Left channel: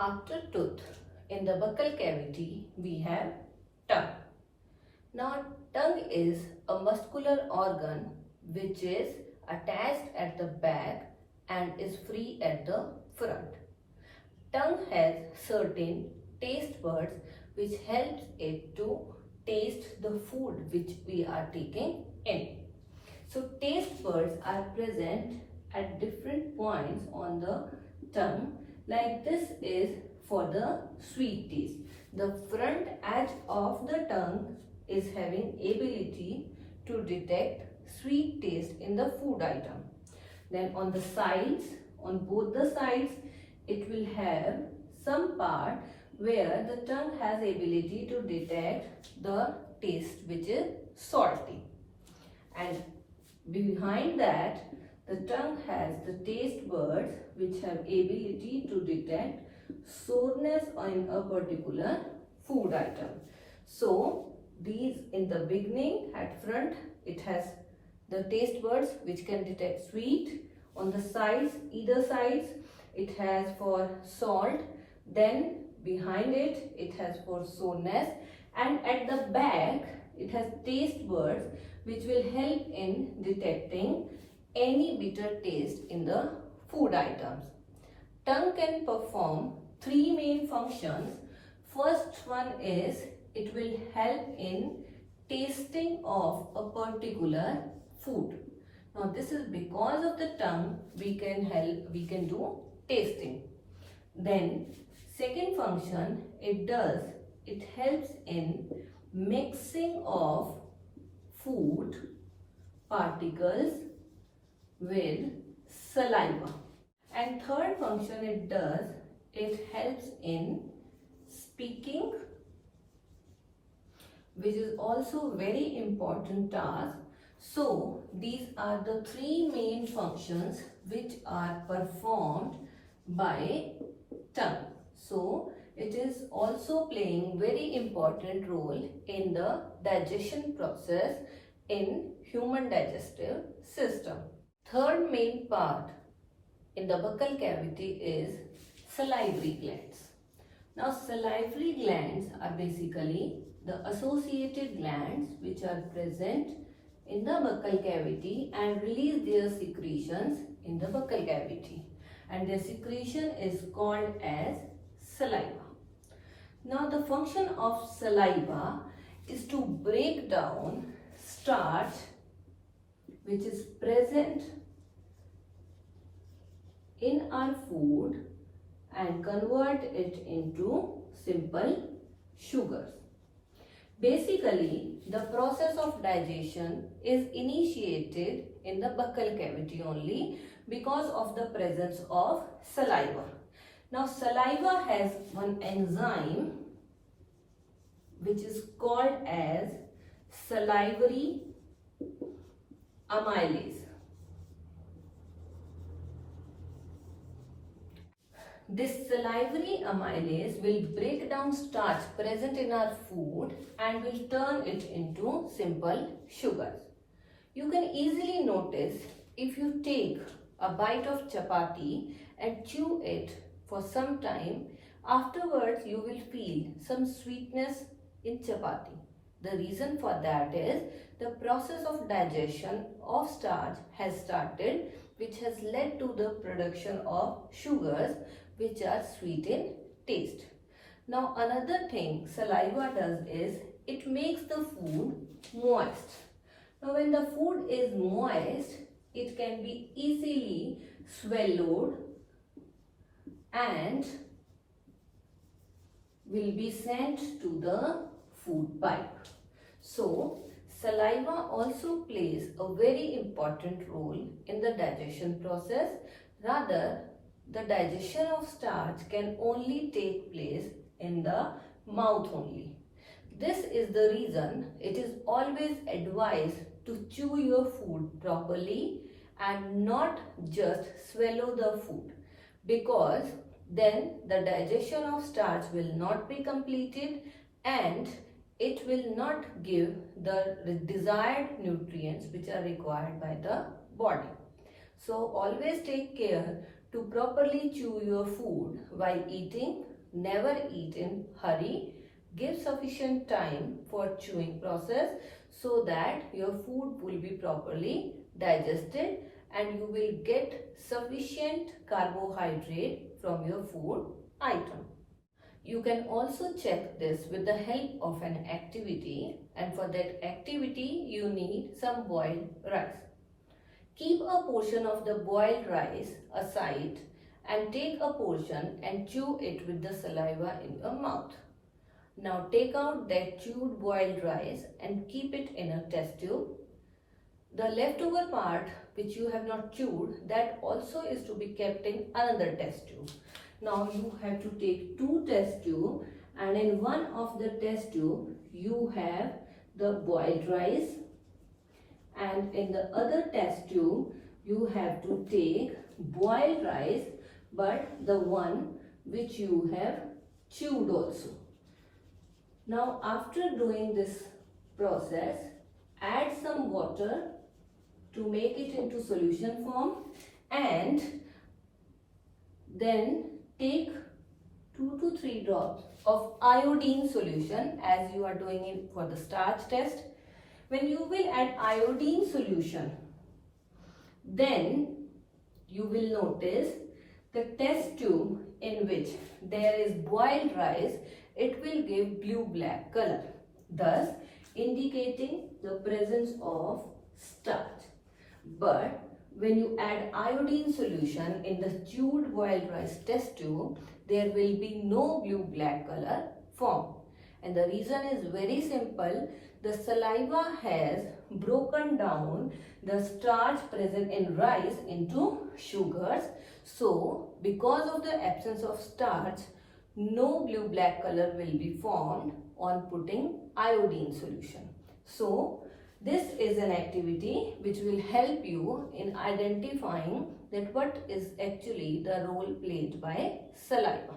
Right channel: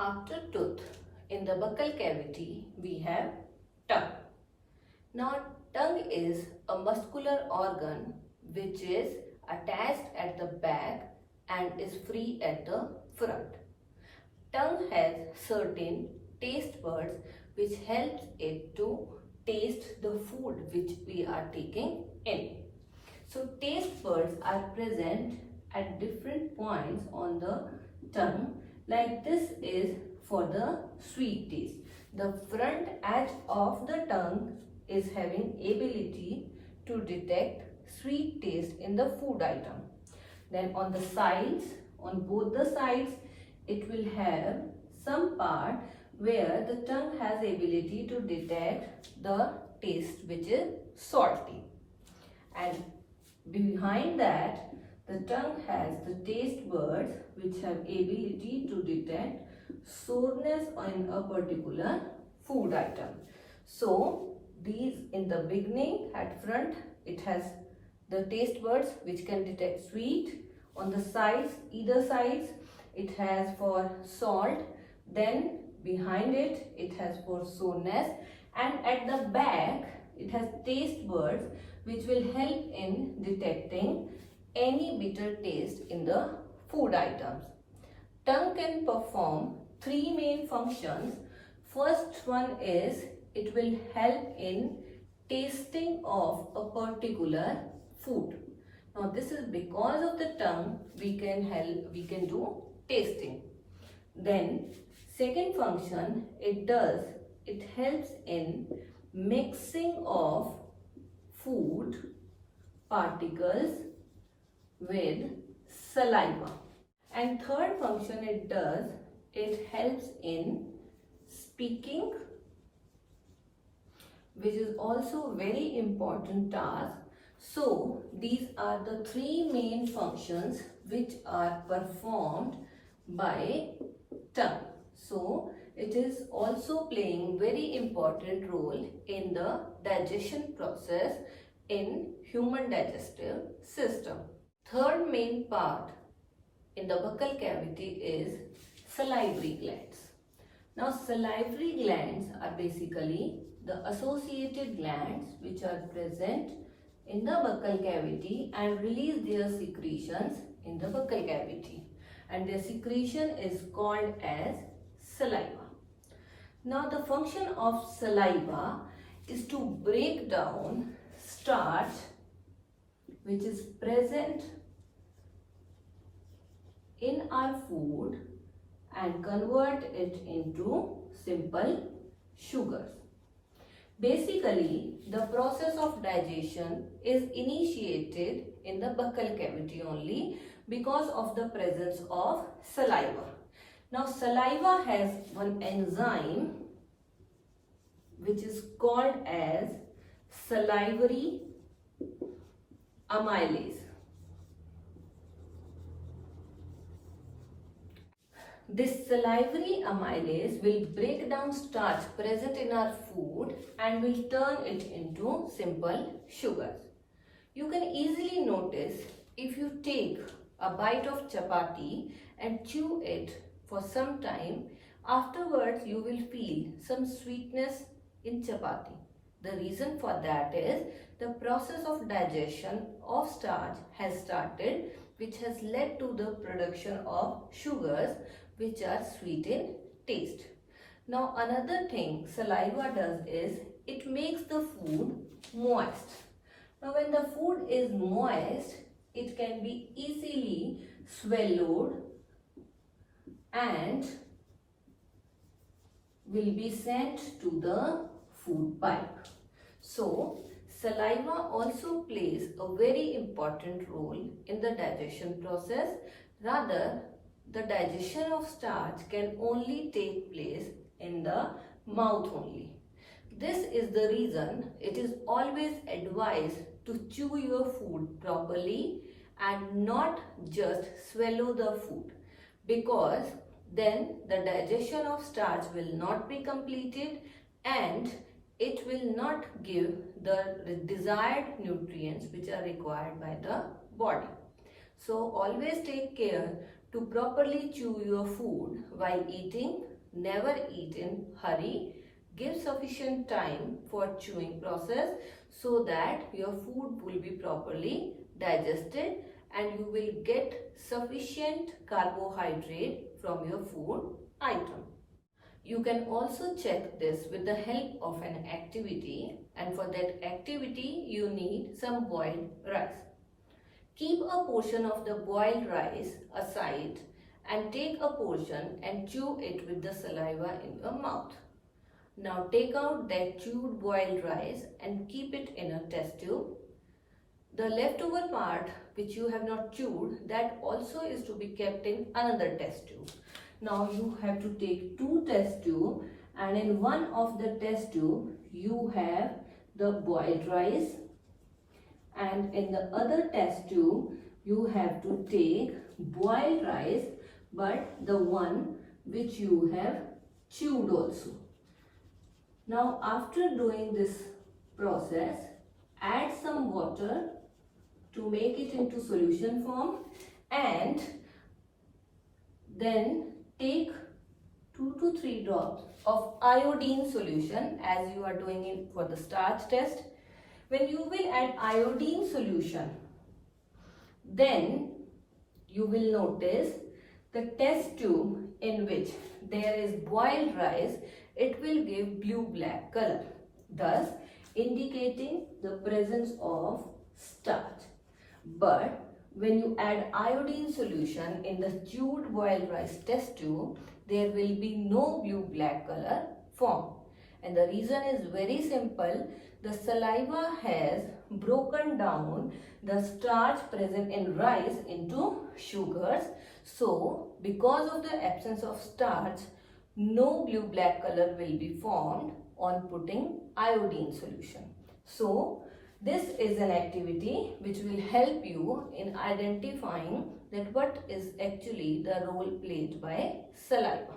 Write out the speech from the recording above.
After tooth, in the buccal cavity, we have tongue. Now, tongue is a muscular organ which is attached at the back and is free at the front. Tongue has certain taste buds which helps it to taste the food which we are taking in. So, taste buds are present at different points on the tongue. Like this is for the sweet taste. The front edge of the tongue is having ability to detect sweet taste in the food item. Then on the sides, on both the sides, it will have some part where the tongue has ability to detect the taste which is salty. And behind that, the tongue has the taste buds which have ability to detect soreness in a particular food item. So, these in the beginning at front, it has the taste buds which can detect sweet. On the sides, either sides, it has for salt. Then behind it, it has for soreness. And at the back, it has taste buds which will help in detecting any bitter taste in the food items. Tongue can perform three main functions. First one is it will help in tasting of a particular food. Now this is because of the tongue we can do tasting. Then second function it helps in mixing of food particles with saliva. And third function it helps in speaking, which is also very important task. So these are the three main functions which are performed by tongue. So it is also playing very important role in the digestion process in human digestive system. Third main part in the buccal cavity is salivary glands. Now salivary glands are basically the associated glands which are present in the buccal cavity and release their secretions in the buccal cavity, and their secretion is called as saliva. Now the function of saliva is to break down starch which is present in our food and convert it into simple sugars. Basically, the process of digestion is initiated in the buccal cavity only because of the presence of saliva. Now, saliva has one enzyme which is called as salivary amylase. This salivary amylase will break down starch present in our food and will turn it into simple sugars. You can easily notice if you take a bite of chapati and chew it for some time, afterwards you will feel some sweetness in chapati. The reason for that is the process of digestion of starch has started, which has led to the production of sugars which are sweet in taste. Now another thing saliva does is it makes the food moist. Now when the food is moist, it can be easily swallowed and will be sent to the food pipe. So saliva also plays a very important role in the digestion process. Rather, the digestion of starch can only take place in the mouth only. This is the reason it is always advised to chew your food properly and not just swallow the food, because then the digestion of starch will not be completed and it will not give the desired nutrients which are required by the body. So always take care To properly chew your food while eating, never eat in hurry. Give sufficient time for chewing process so that your food will be properly digested and you will get sufficient carbohydrate from your food item. You can also check this with the help of an activity, and for that activity you need some boiled rice. Keep a portion of the boiled rice aside and take a portion and chew it with the saliva in your mouth. Now take out that chewed boiled rice and keep it in a test tube. The leftover part which you have not chewed, that also is to be kept in another test tube. Now you have to take two test tubes, and in one of the test tube you have the boiled rice, and in the other test tube you have to take boiled rice but the one which you have chewed also. Now after doing this process, add some water to make it into solution form, and then take 2 to 3 drops of iodine solution as you are doing it for the starch test. When you will add iodine solution, then you will notice the test tube in which there is boiled rice, it will give blue-black color, thus indicating the presence of starch. But when you add iodine solution in the chewed boiled rice test tube, there will be no blue-black color formed. And the reason is very simple. The saliva has broken down the starch present in rice into sugars. So, because of the absence of starch, no blue-black color will be formed on putting iodine solution. So, this is an activity which will help you in identifying that what is actually the role played by saliva.